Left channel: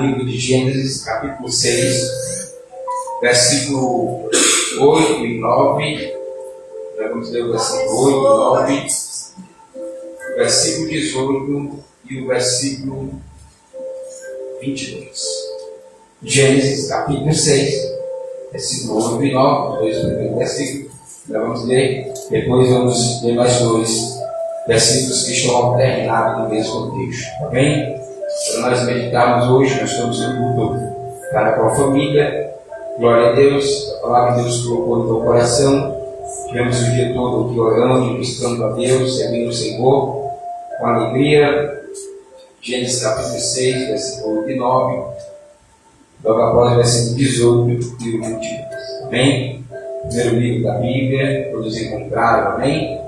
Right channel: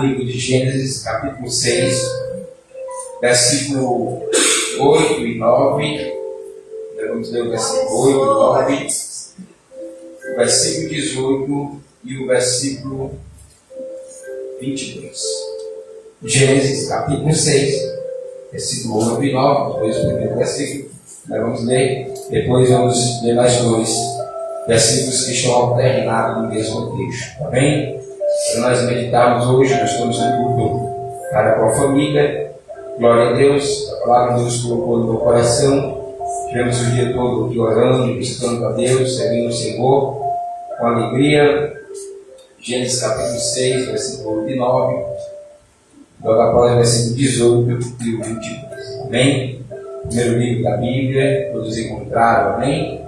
Livro de Gênesis, capítulo 6, versículo 8 e 9. Vamos ler o versículo 8 e 9, o versículo 18 e o versículo 22. Gênesis, capítulo 6, versículo 8 e 9, dois primeiros versículos. Nós vamos ler, depois vamos ler mais dois versículos que estão alternados no mesmo texto, tá bem? Para nós meditarmos hoje, nós estamos no culto para com a família. Glória a Deus, a palavra de Deus colocou no teu coração. Tivemos o dia todo aqui orando, buscando a Deus, servindo o Senhor com alegria. Gênesis capítulo 6, versículo 8 e 9. Logo após o versículo 18 e o 22. Amém? Primeiro livro da Bíblia, todos encontraram, amém?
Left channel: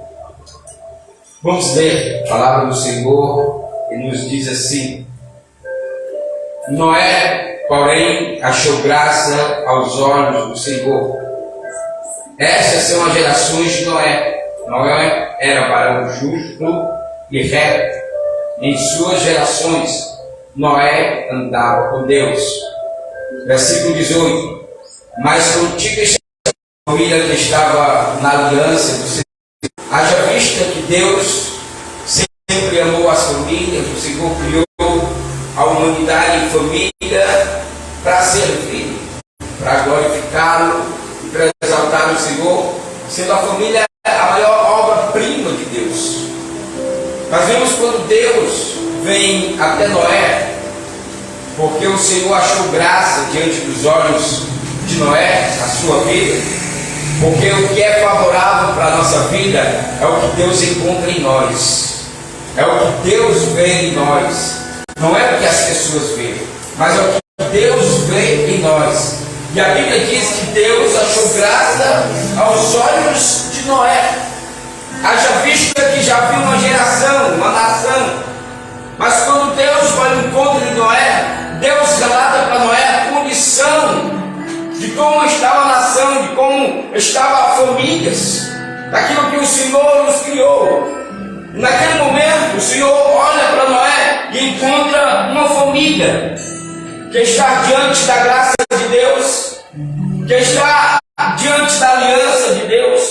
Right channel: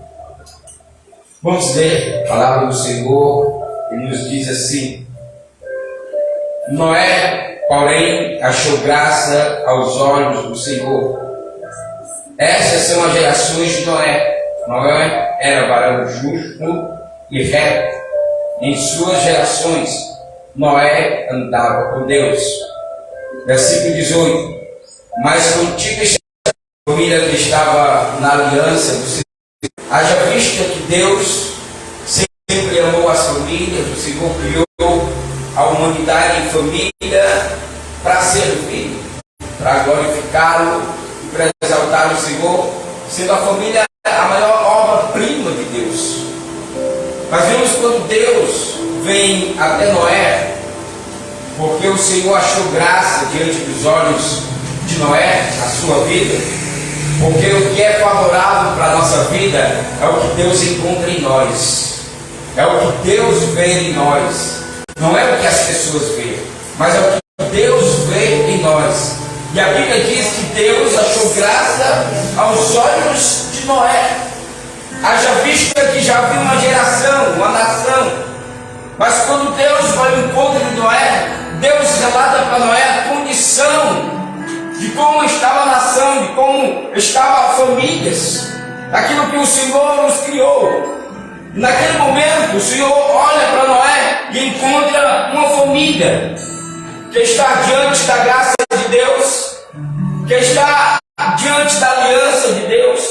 Vamos ler a palavra do Senhor, que nos diz assim: Noé, porém, achou graça aos olhos do Senhor. Essas são as gerações de Noé. Noé era varão justo e reto. Em suas gerações, Noé andava com Deus. Versículo 18. Mas contigo a família que estava na aliança do Senhor. Haja vista que Deus sempre amou as famílias. O Senhor criou a humanidade em família para servir, para glorificá-lo e para exaltar o Senhor, sendo a família a maior obra-prima de Deus. Mas vemos quando Deus vem até Noé, porque o Senhor achou graça diante dos olhos de Noé, na sua vida, porque o que é favorável para a nossa vida é o que Deus encontra em nós, é o que Deus vê em nós. Não é o que as pessoas veem, mas é o que Deus vê em nós. E a Bíblia diz que Deus achou graça aos olhos de Noé. Haja vista que já havia uma geração, uma nação. Mas quando Deus foi ao encontro de Noé, Deus relata para Noé a condição de como estava a nação, de como estavam as famílias, daquilo que o Senhor nos criou. Naquele momento, o Senhor olha para Noé e encontra uma família que está diante da graça de Deus, que está diante da aliança de Deus,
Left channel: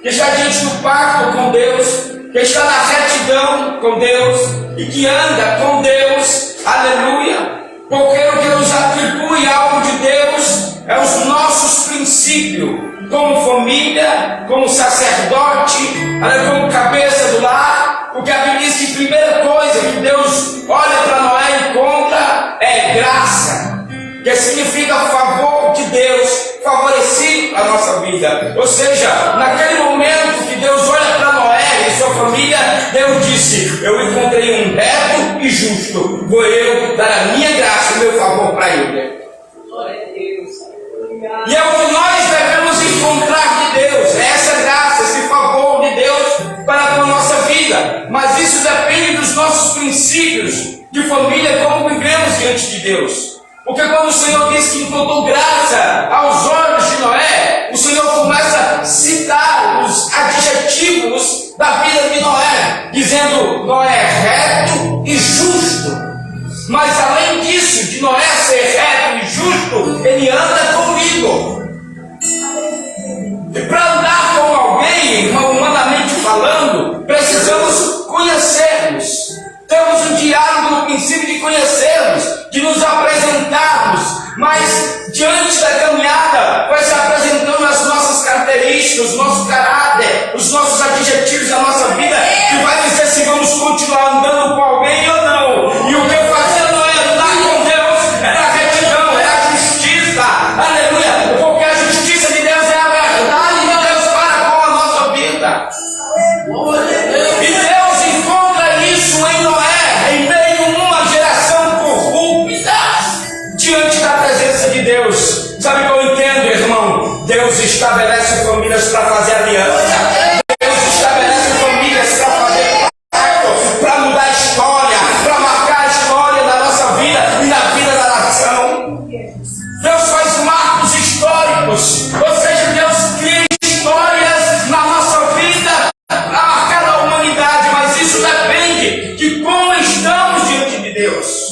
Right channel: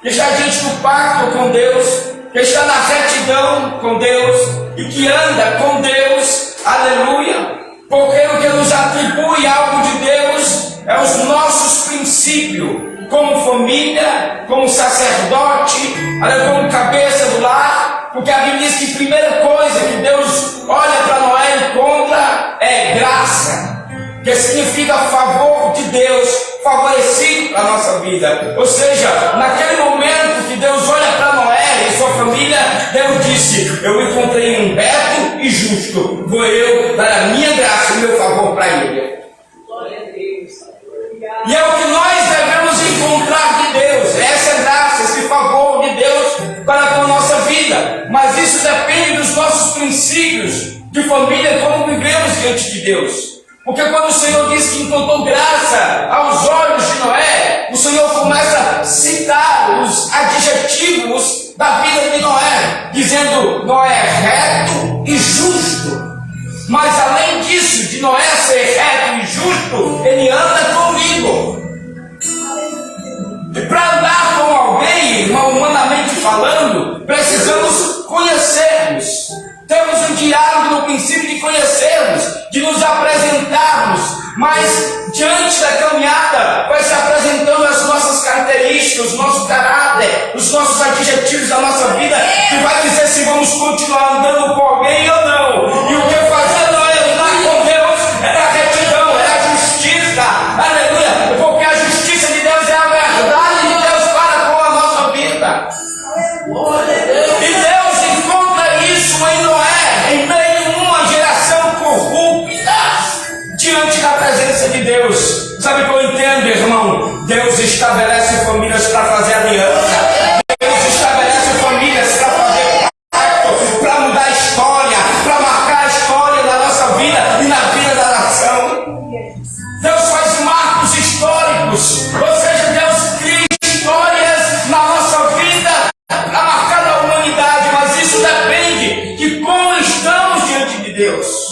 que está diante do pacto com Deus, que está na retidão com Deus e que anda com Deus, aleluia, porque o que nos atribui algo de Deus é os nossos princípios, como família, como sacerdote, como cabeça do lar, porque a Bíblia diz que a primeira coisa que Deus olha para Noé e encontra é graça, que significa favor de Deus, favorecido para a nossa vida. Ou seja, naquele momento que Deus olha para Noé e sua família, Deus disse: eu encontrei um reto e justo, vou eu dar a minha graça e o meu favor para ele. E é o que nós devemos encontrar de Deus, essa graça, esse favor de Deus para com a nossa vida. Mas isso depende dos nossos princípios de família, como vivemos diante de Deus. Porque quando o Senhor diz que encontrou graça aos olhos de Noé, o Senhor começa a citar os adjetivos da vida de Noé, dizendo: Noé é reto e justo. Mas além disso, de Noé ser reto e justo, ele anda comigo. E para andar com alguém, humanamente falando, precisamos conhecermos. Temos um diálogo no princípio de conhecermos, de nos apresentarmos, mas diante da caminhada vai se apresentando as nossas características, o nosso caráter, os nossos adjetivos da nossa vida, que vai dizer se vamos continuar andando com alguém ou não. E o que eu fazia não era andar com Deus, era a retidão, era a justiça, aleluia, porque a justiça de Deus é a verdade de Deus para com a nossa vida. E Deus encontra isso em Noé, em meio a uma geração corrupta, diante da presença de Deus. Sabe o que eu entendo, irmão? Deus estabelece famílias para fazer aliança. Deus estabelece famílias para fazer pacto, para mudar a história, para marcar a história da nossa vida e na vida da nação. Deus faz marcos históricos, ou seja, Deus cria histórias na nossa vida para marcar a humanidade, mas isso depende de como estamos diante de Deus.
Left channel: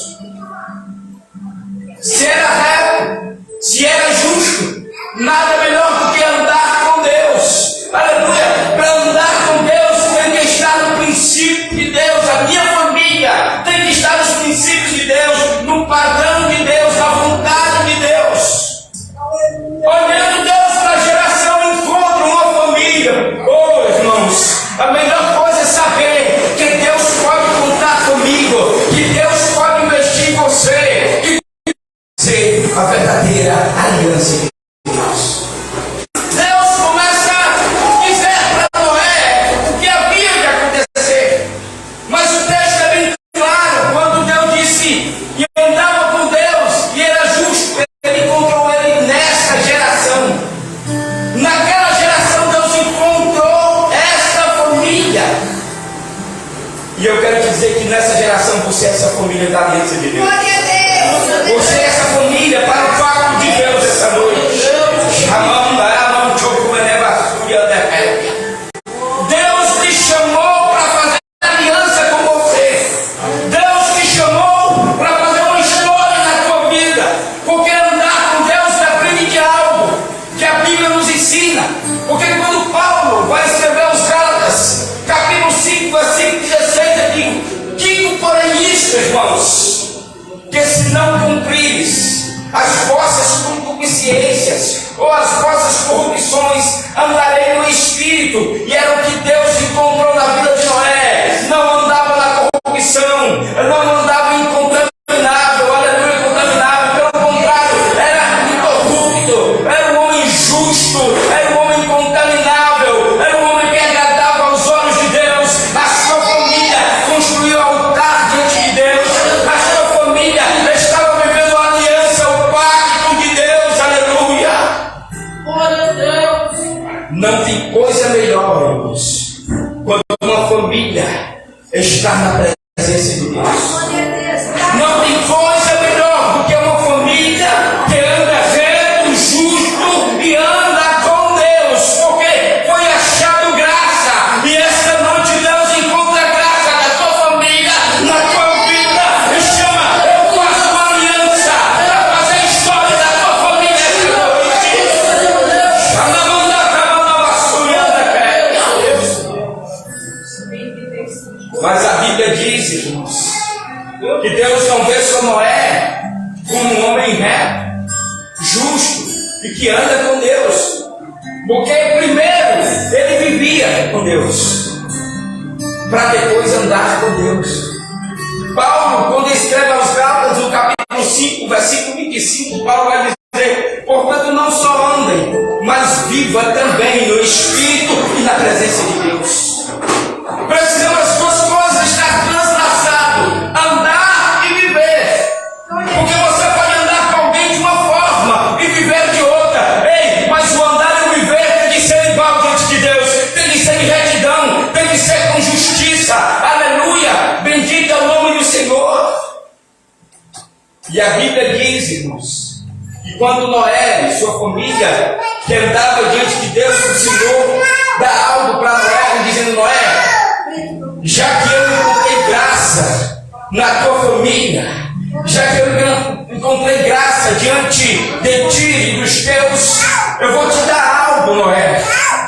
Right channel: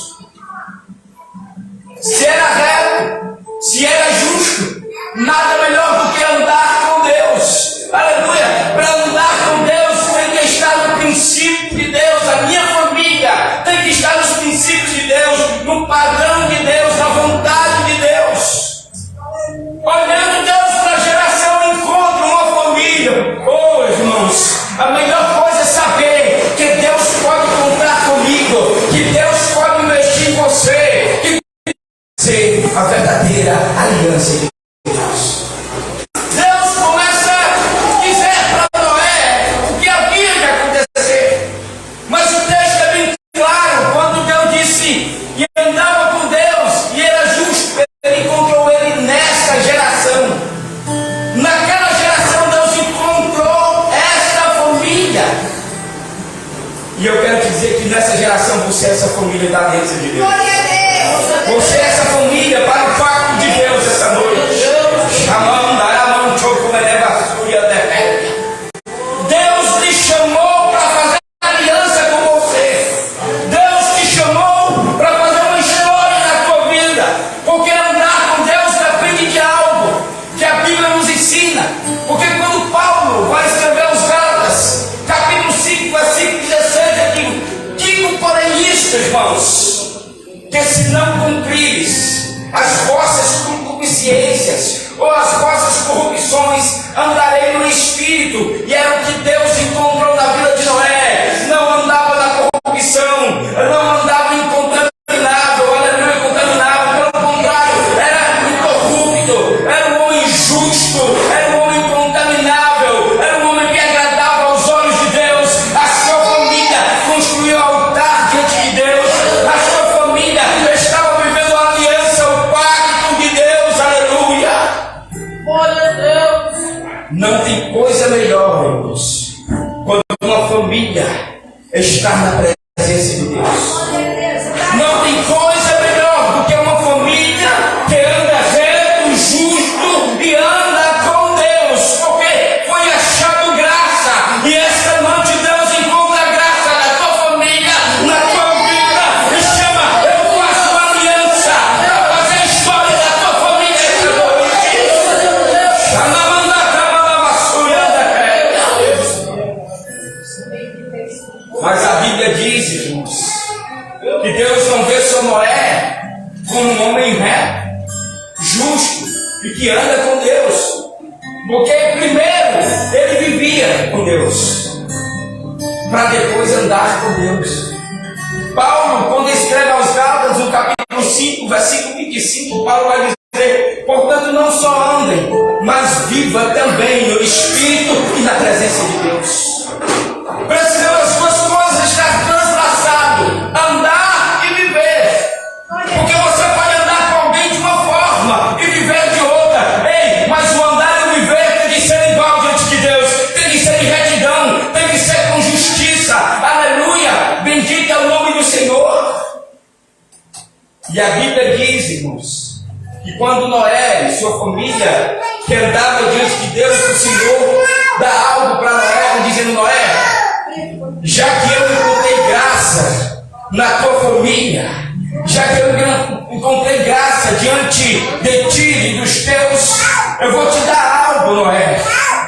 se era reto, se era justo, nada melhor do que andar com Deus. Aleluia! Para andar com Deus tem que estar no princípio de Deus. A minha família tem que estar nos princípios de Deus, no padrão de Deus, na vontade de Deus. Olhando Deus para a geração, encontra uma família. Oh, irmãos, a melhor coisa é saber que Deus pode contar comigo, que Deus pode investir em você, que ser a verdadeira aliança de Deus. Deus começa a dizer para Noé o que havia de acontecer, mas o texto é bem claro. Quando Deus disse que andava com Deus e era justo, ele encontrou ele nesta geração. Naquela geração Deus encontrou esta família. E eu quero te dizer que nessa geração você é essa família da aliança de Deus. Você é essa família para o pacto de Deus essa noite. Deus te chamou para fazer aliança com você. Deus te chamou para fazer uma história na tua vida. Porque andar com Deus depende de algo que a Bíblia nos ensina. Porque quando Paulo vai escrever aos Gálatas, capítulo 5, versículo 16, ele digo porém isto, irmãos, que se não cumprires as vossas concupiscências ou as vossas corrupções, andarei no Espírito. E era o que Deus encontrou na vida de Noé. Não andava na corrupção, não andava incontaminável, aleluia, incontaminável. Pelo contrário, era incorrupto, era um homem justo, era um homem incontaminável, era um homem que agradava aos olhos de Deus. A sua família construiu altar diante de Deus. A sua família estava vivendo a aliança, o pacto de Deus, aleluia. Glória a Deus. Não tem coisa melhor, irmãos, quando uma família está na presença de Deus. Não tem coisa melhor do que uma família que anda reto, justo e anda com Deus, porque foi achado graça. E esta noite Deus encontra graça na tua família, na tua vida, e chama: eu faço uma aliança para fazer a história da tua família esta noite. Mas a Bíblia diz, irmãos, que Deus não vê só Noé como um homem reto, justo e que anda com Deus, porque primeiro ele vivia com Deus, para depois andar com Deus. Paulo, quando escreve aos Gálatas, no capítulo 5, versículo 25, Paulo vai dizer: portanto, não só andem, mas viva também no Espírito e na presença de Deus. Precisamos as duas coisas estar translaçado, andar e viver. Porque você pode andar com alguém de uma forma e viver de outra. Ei, mas o andar e o viver tem que ser igual diante de Deus. Tem que ser em retidão, tem que ser com justiça. Aleluia, bendito é o nome do Senhor. E a Bíblia diz, irmãos, que quando Noé e sua família que andava diante de Deus, o Senhor dá algo para Noé, dizendo: Noé, já que eu encontrei graça na tua família, já que eu encontrei graça diante de ti e dos teus, eu vou te dar algo, Noé.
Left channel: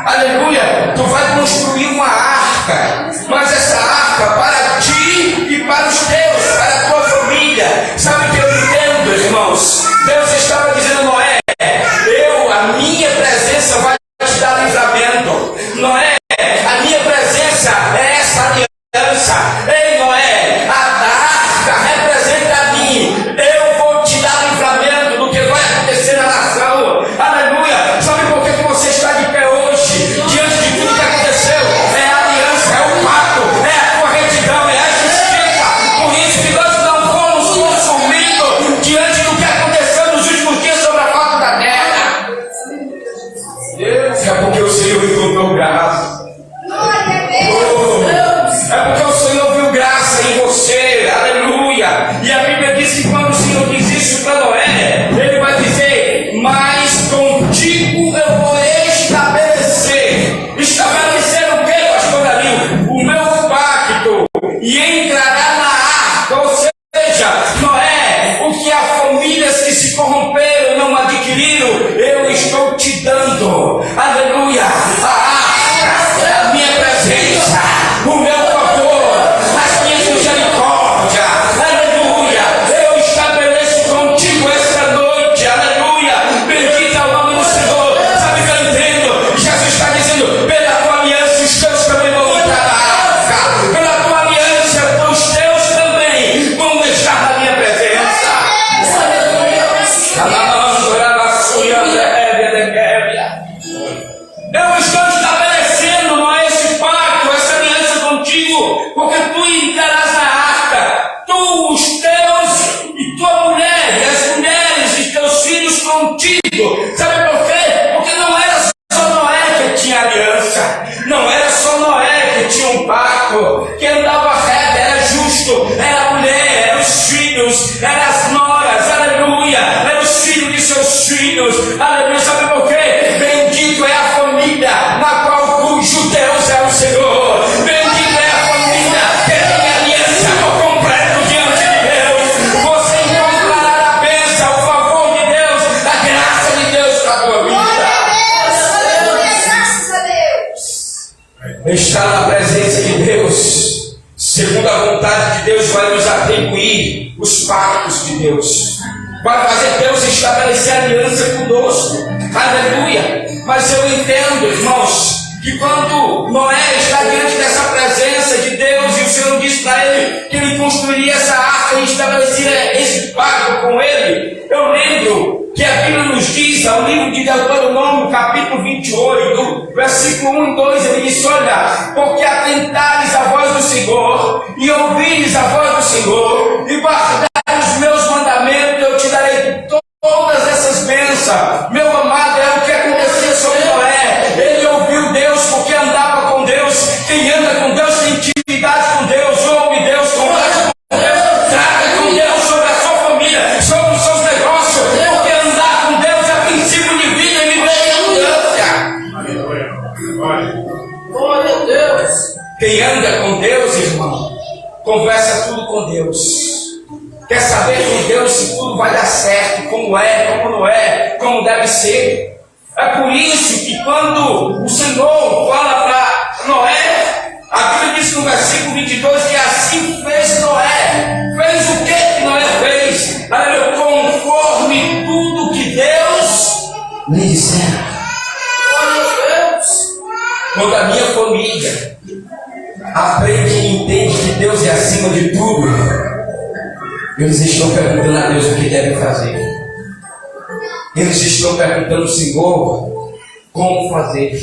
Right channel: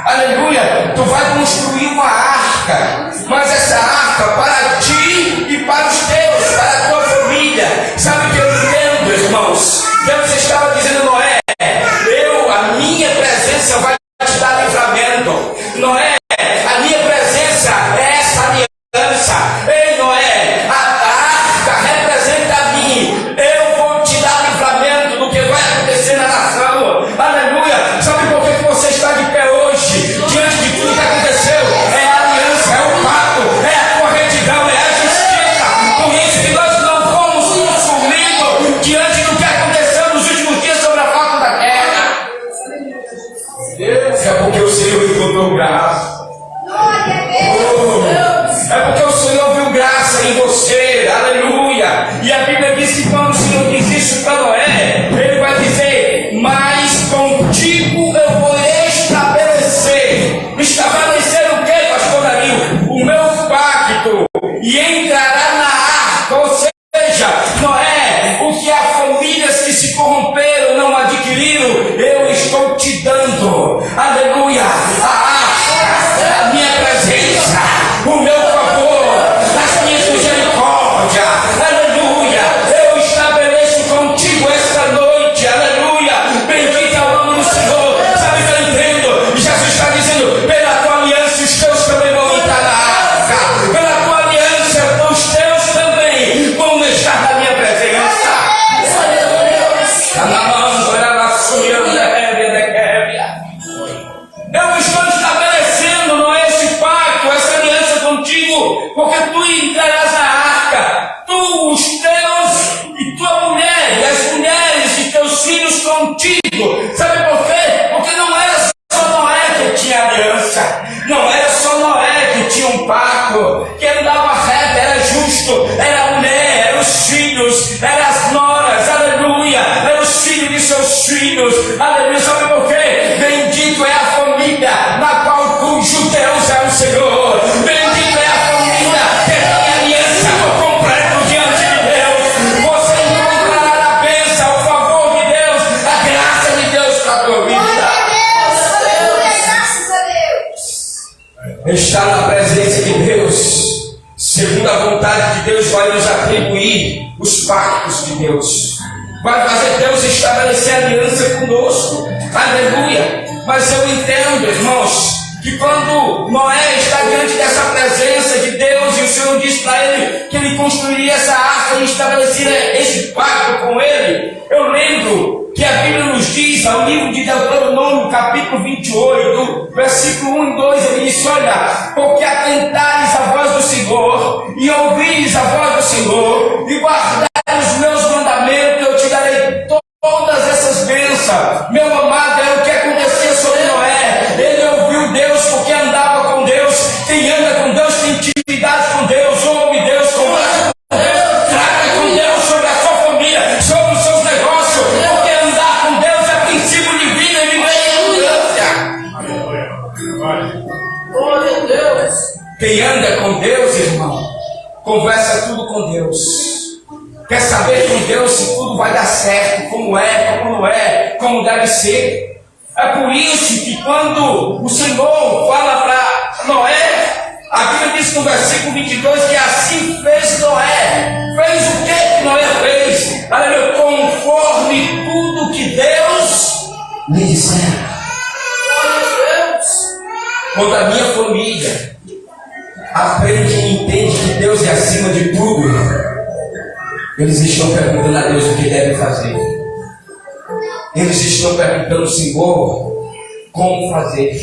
Aleluia, tu vai construir uma arca, mas essa arca para ti e para os teus, para a tua família. Sabe o que eu entendo, irmãos? Deus estava dizendo: Noé, a minha presença vai te dar livramento. Noé, a minha presença é essa aliança. Ei, Noé, a arca representa a mim. Eu vou te dar livramento do que vai acontecer na nação. Aleluia. Sabe por que você está de pé hoje, diante de tudo que aconteceu? que se corromperam, não adquiriram, eu estou te dando, aleluia, a minha presença, o meu favor, as minhas misericórdias, aleluia. Eu estabeleço contigo esta noite, aleluia. Bendito é o nome do Senhor. Sabe o que eu entendo? Jesus está dizendo: pela tua aliança, os teus também vão entrar na arca. Pela tua aliança, os teus também vão estar na minha presença. Eu estou estabelecendo, não é, esse pacto, essa aliança contigo, porque tu entrarás na arca, tu, os teus e tua mulher, e as mulheres e teus filhos contigo. Sabe por quê? Porque não era só Noé que tinha aliança, não era só Noé que tinha um pacto, que andava reto, era justo, era a mulher, eram os filhos, eram as noras, aleluia, eram os filhos de seus filhos, aleluia. Sabe por quê? Bendito é a família na qual cujo Deus é o Senhor. Bendito é a família que tem aliança por completo diante de Deus. Você encontrará a bênção, o favor de Deus, a graça de Deus para a tua vida. Graças a Deus. Estar na presença de Deus, segundo a vontade de Deus, vai nos atribuir os pactos de Deus. Vai fazer Deus estabelecer aliança conosco. Aleluia. Mas eu entendo, irmãos, que quando Noé está diante dessa presença de Deus e o Senhor diz para ele que ele construiria essa arca e estabeleceria esse pacto com ele, eu lembro que a Bíblia nos diz, ao livro de Deuteronômio, capítulo 28, versículo 1 e 2, ele diz: olha, porque atentares a voz do Senhor e ouvires a voz do Senhor e guardares os meus mandamentos, eu te darei todas essas bênçãos. Meu amado, é o que acontecia sobre Noé. Ele ouviu Deus porque andava com Deus. Quem anda com Deus tem intimidade com Deus, ouve Deus, conversa com Deus, trata com Deus sobre a sua família, sobre os seus negócios, porque andar com Deus é princípio de vida e viver em abundância. Glória a Deus. Quem anda com Deus, irmão, conversa tudo com Deus. Quer saber com Deus se tudo vai dar certo, como é, como não é, como deve ser. É por isso que quando o Senhor fala para Noé, a Bíblia diz no versículo 22 que assim fez Noé. Fez o que Noé fez? Aleluia, conforme tudo que Deus lhe dissera. Quando a minha família aprende e entende que Deus é acima de tudo, eles estão perguntando a Deus o que devem fazer. Eles estão perguntando ao Senhor como fazer.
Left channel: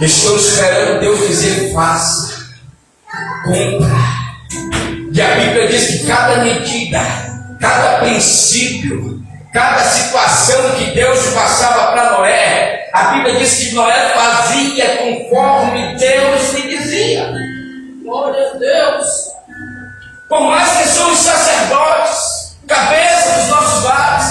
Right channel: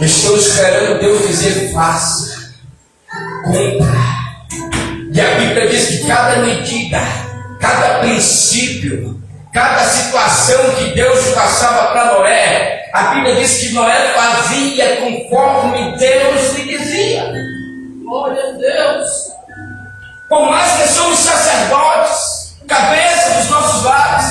Estão esperando Deus dizer faça, cumpra. E a Bíblia diz que cada medida, cada princípio, cada situação que Deus passava para Noé, a Bíblia diz que Noé fazia conforme Deus lhe dizia. Glória a Deus. Por mais que somos sacerdotes, cabeça dos nossos lares,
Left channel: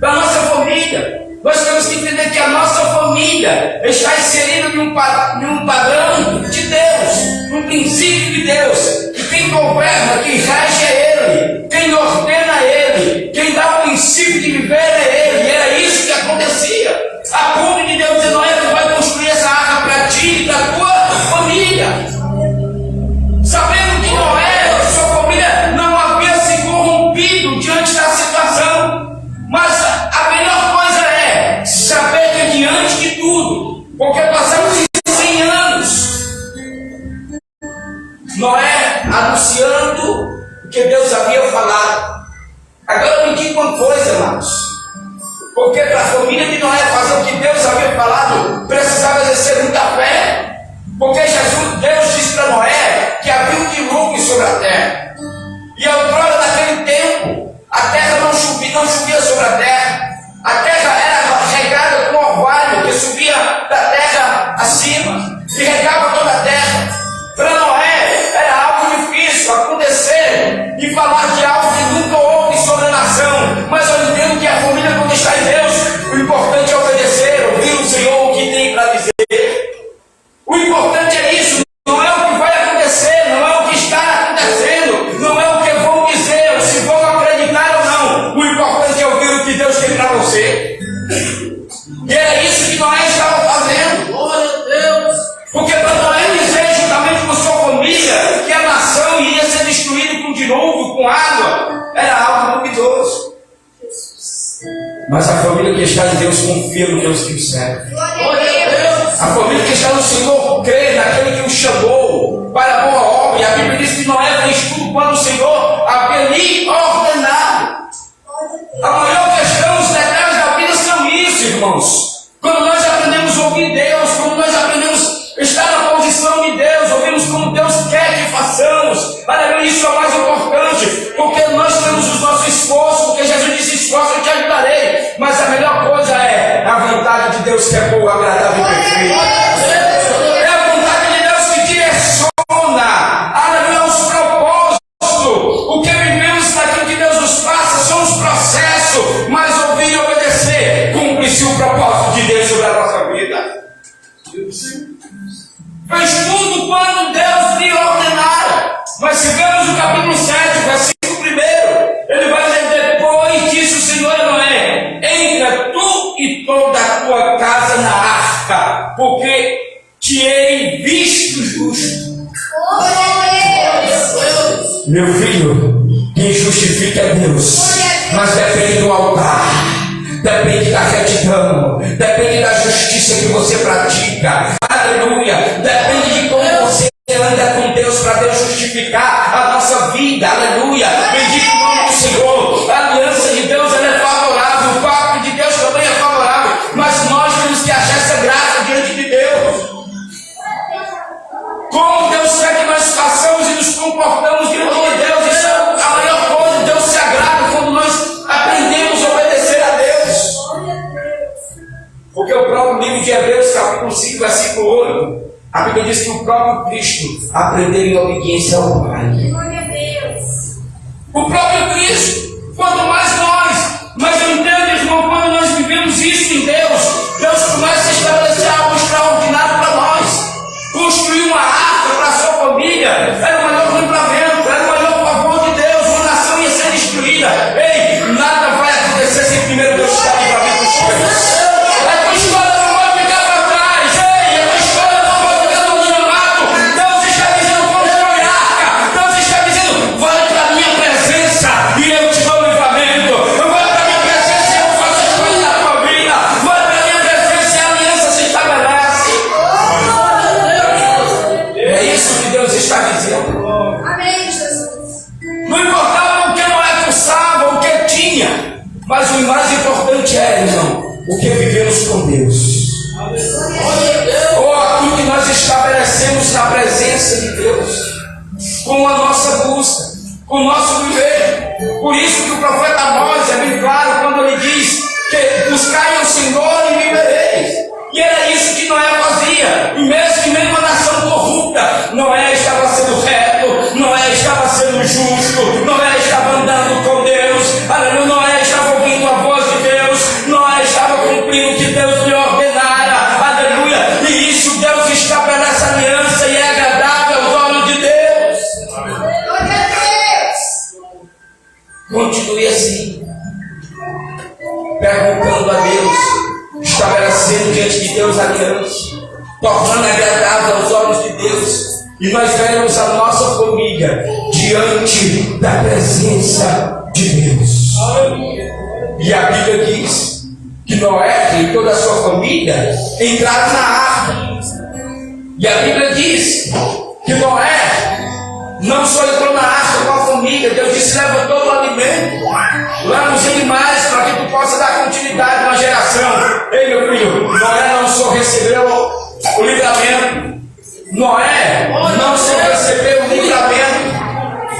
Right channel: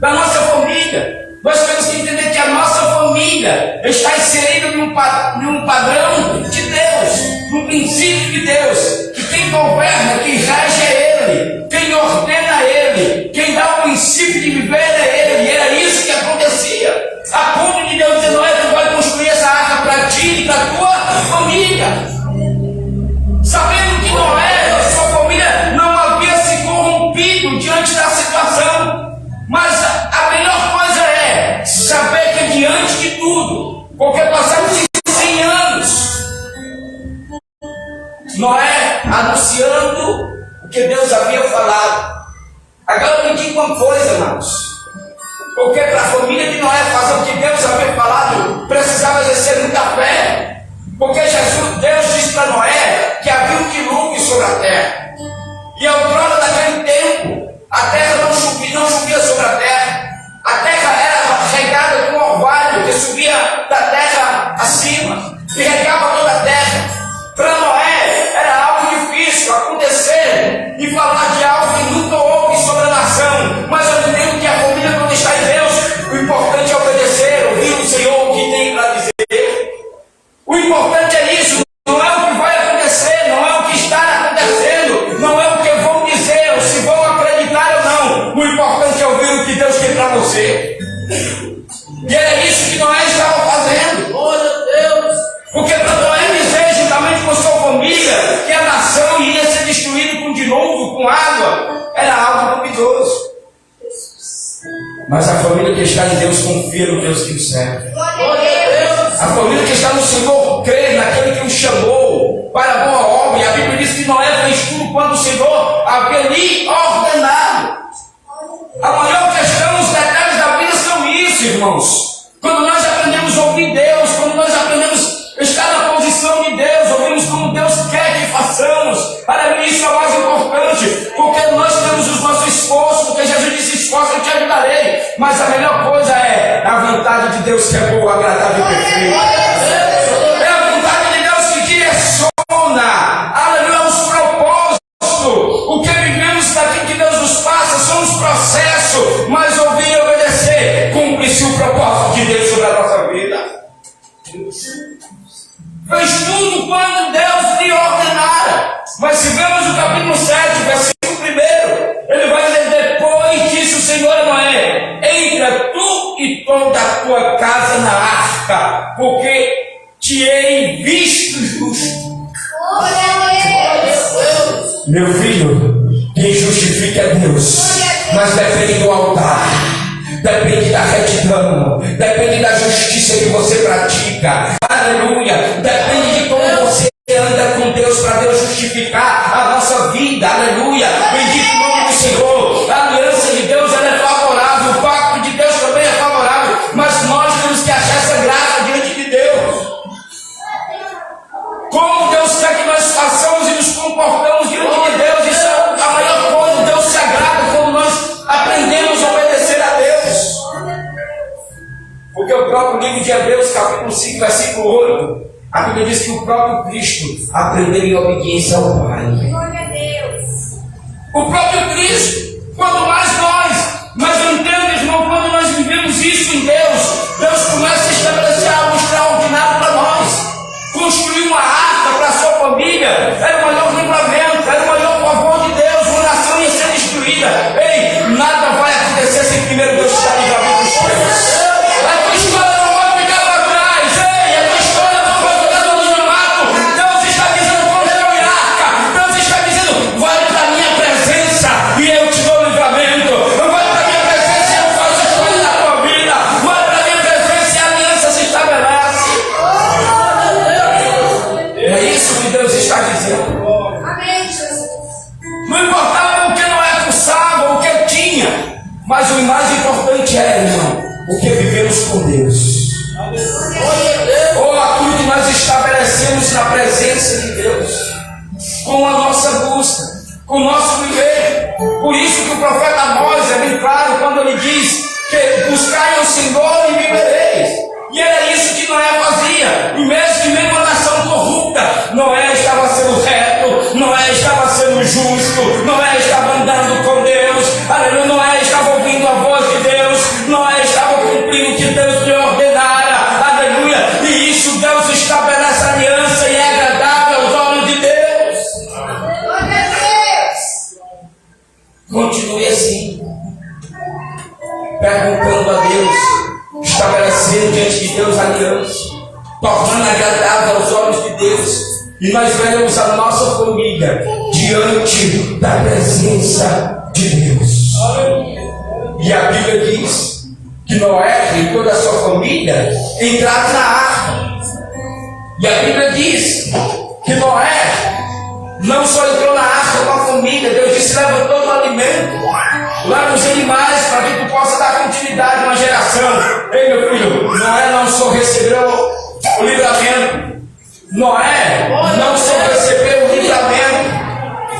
da nossa família, nós temos que entender que a nossa família está inserida em um padrão de Deus, num princípio de Deus, que quem governa, quem rege é Ele, quem ordena é Ele, quem dá o princípio de viver é Ele, e era isso que acontecia. A ponto de Deus dizer: não é que vai construir essa arca para ti e para a tua família, sabendo que Noé, a sua família, não havia se corrompido diante da situação. Mas a melhor coisa é saber que diante de tudo, porque passamos 100 anos, Noé anunciando o que Deus havia falado. Agora me diga uma coisa, irmãos, porque para a família de Noé fazer o que Deus havia falado, precisava exercer muita fé. Porque Deus disse para Noé que havia um dilúvio sobre a terra. E outrora daquele tempo, a terra não chovia sobre a terra. A terra era regada com orvalho que subia da terra acima e regava toda a terra. Para Noé era algo difícil acontecer e falar de algo que nunca houve sobre a nação. Mas eu entendo que a família, quando está em Deus, o importante é obedecer, ouvir o Senhor o que tem para dizer. O importante é isso, não é o que vai acontecer, não é o que está acontecendo, não é o que vão dizer o que Deus tem para você. E era isso que Noé estava fazendo. Glória a Deus. Porque para Noé dizer, juntamente com sua família, que a nação iria ser destruída com dilúvio, com água, era algo duvidoso. Mas a família que está em Deus confia no Deus que o serve. Glória a Deus. A família que está no Senhor crê naquele que o chamou para a boa obra. E a Bíblia diz que Noé fez tudo quando o Senhor havia lhe ordenado. A maior questão, os detalhes da vida são isso, irmãos. Quando nós aprendemos a ouvir Deus, quando nós aprendemos a estar na posição de Deus, ouvimos como Deus quer que façamos. Aleluia, isso é o mais importante, porque nós temos os nossos esforços, porque Jesus disse: esforço, eu te ajudarei. Mas a melhor coisa é a vontade de Deus, que é boa, agradável e perfeita. É a vontade de Deus que direciona, aleluia, os propósitos. O que vivemos daquilo que Deus nos passa são os processos, mas ouvir e obedecer cumpre-se o propósito de Deus sobre a nossa vida. Fez tudo quando Deus lhe ordenara. Mas se vemos o capítulo 7, versículo 1, ele vai dizer: depois disse o Senhor a Noé: entra tu e toda a tua casa na arca, porque te hei visto justo. Meu filho, quem justifica é Deus, mas depende do altar, depende da retidão, depende da justiça que você pratica. Aleluia, depende de como você anda com Deus para Deus justificar a nossa vida. Aleluia, bendito o nome do Senhor. A aliança de Deus, ela é favorável, o pacto de Deus também é favorável, mas nós temos que achar essa graça diante de Deus. Como Deus quer que nós façamos e nos comportamos diante de Deus, isso é a maior coisa. Deus se agrada quando nós aprendemos a obedecer a Deus. Porque o próprio livro de Hebreus, capítulo 5, versículo 8, a Bíblia diz que o próprio Cristo aprendeu em obediência ao Pai. Glória a Deus. O próprio Cristo, quanto mais nós. Mas eu entendo, irmão, quando nós vivemos isso em Deus, Deus começa a estabelecer algo extraordinário para nós. Construir uma arca para a sua família era o maior livramento, era o maior favor de Deus. Uma nação ia ser destruída. Ei, nada vai acontecer sem primeiro Deus estar livramento dos teus. A tua história não vai ficar para trás. Ei, a tua história não vai ficar no anonimato. Deus está dizendo: constrói arca. Deus está dizendo: vai para a minha presença e eu te dou livramento. Vai para a minha presença e eu faço história na tua vida. Vai para a minha presença e a aliança se estabelece. É isso que Deus está dizendo. Amém, Jesus. Não importava o que Noé cursava, o que tinha, mas o mais importante é, irmão, o que vivemos com Deus. Ou aquilo que nós estabelecemos na presença de Deus, com a nossa busca, com o nosso viver. Por isso que o profeta Amós é bem claro quando ele diz que buscai ao Senhor e vivereis. E era isso que Noé fazia. E mesmo uma nação corrupta, Noé estava sendo reto, Noé estava sendo justo, Noé estava andando com Deus. Aleluia, Noé estava ouvindo a voz de Deus, Noé estava cumprindo o que Deus lhe ordenara. Aleluia, e isso Deus estabelece aliança e é agradável aos olhos de Deus. Glória a Deus. Continue assim, perguntando a Deus, estabelecendo diante de Deus aliança, tornando agradável aos olhos de Deus, e nós veremos a nossa família diante da presença de Deus. E a Bíblia diz que Noé e toda a sua família entraram na arca. E a Bíblia diz que Noé não só entrou na arca com a família, Deus disse: leva todo o alimento, leva os animais, para que tu possa dar continuidade a uma geração. Ei, meu filho, Noé não só recebeu o livramento, Noé não só recebeu o livramento,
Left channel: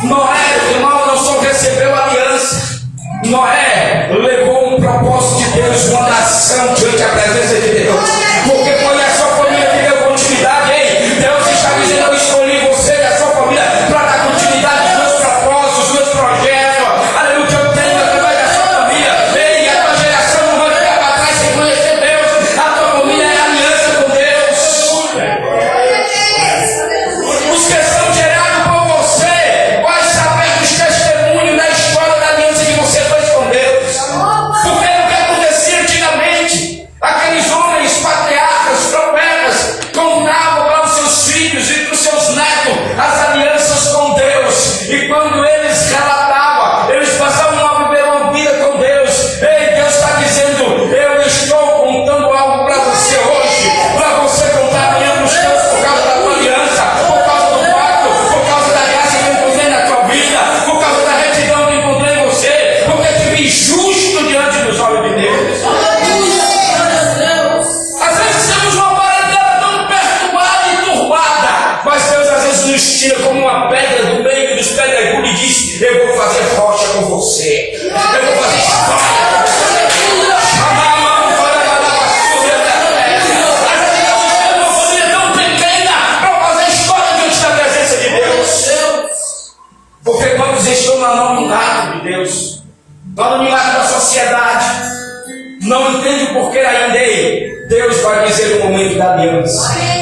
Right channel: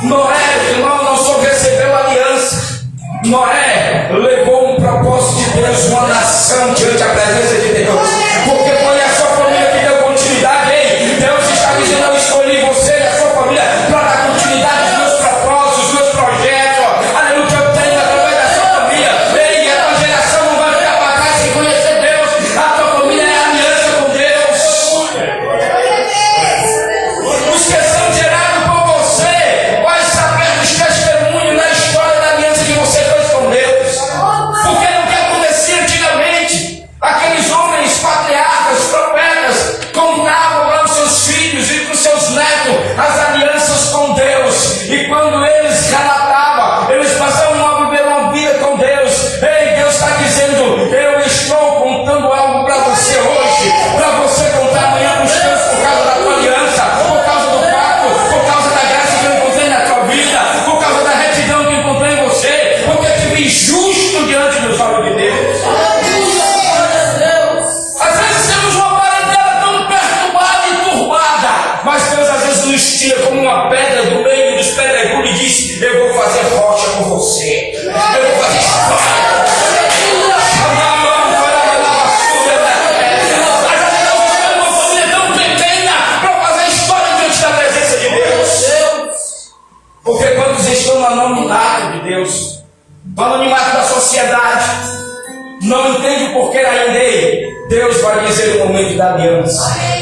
Noé, irmão, não só recebeu a aliança, Noé levou um propósito de Deus, uma nação diante da presença de Deus, porque foi a sua família que deu continuidade. Ei, Deus está dizendo: eu escolhi você e a sua família para dar continuidade aos meus propósitos, aos meus projetos. Aleluia, o que eu tenho através da sua família. Ei, a tua geração não vai ficar para trás sem conhecer Deus. A tua família é aliança com Deus. Os que são gerados por você vai saber dos testemunhos na história da aliança que você fez com Deus. nos tira como uma pedra do meio dos pedregulhos e diz: eu vou fazer rocha com você. Eu vou fazer história com você. Mas ali nós estamos uma família tão pequena para fazer história diante da presença de Deus. Porque quando vocês estão no anonimato de Deus, no anonimato da sociedade, não entende o porquê ainda aí, Deus vai dizer no momento da aliança.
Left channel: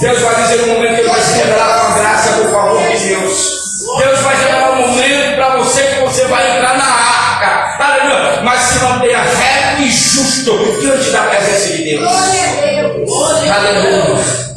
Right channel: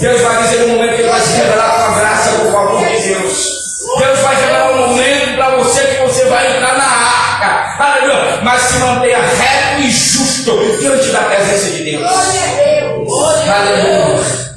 Deus vai dizer no momento que Ele vai se revelar com a graça, com o favor de Deus. Deus vai revelar um momento para você que você vai entrar na arca. Aleluia. Mas se mantenha reto e justo diante da presença de Deus. Aleluia.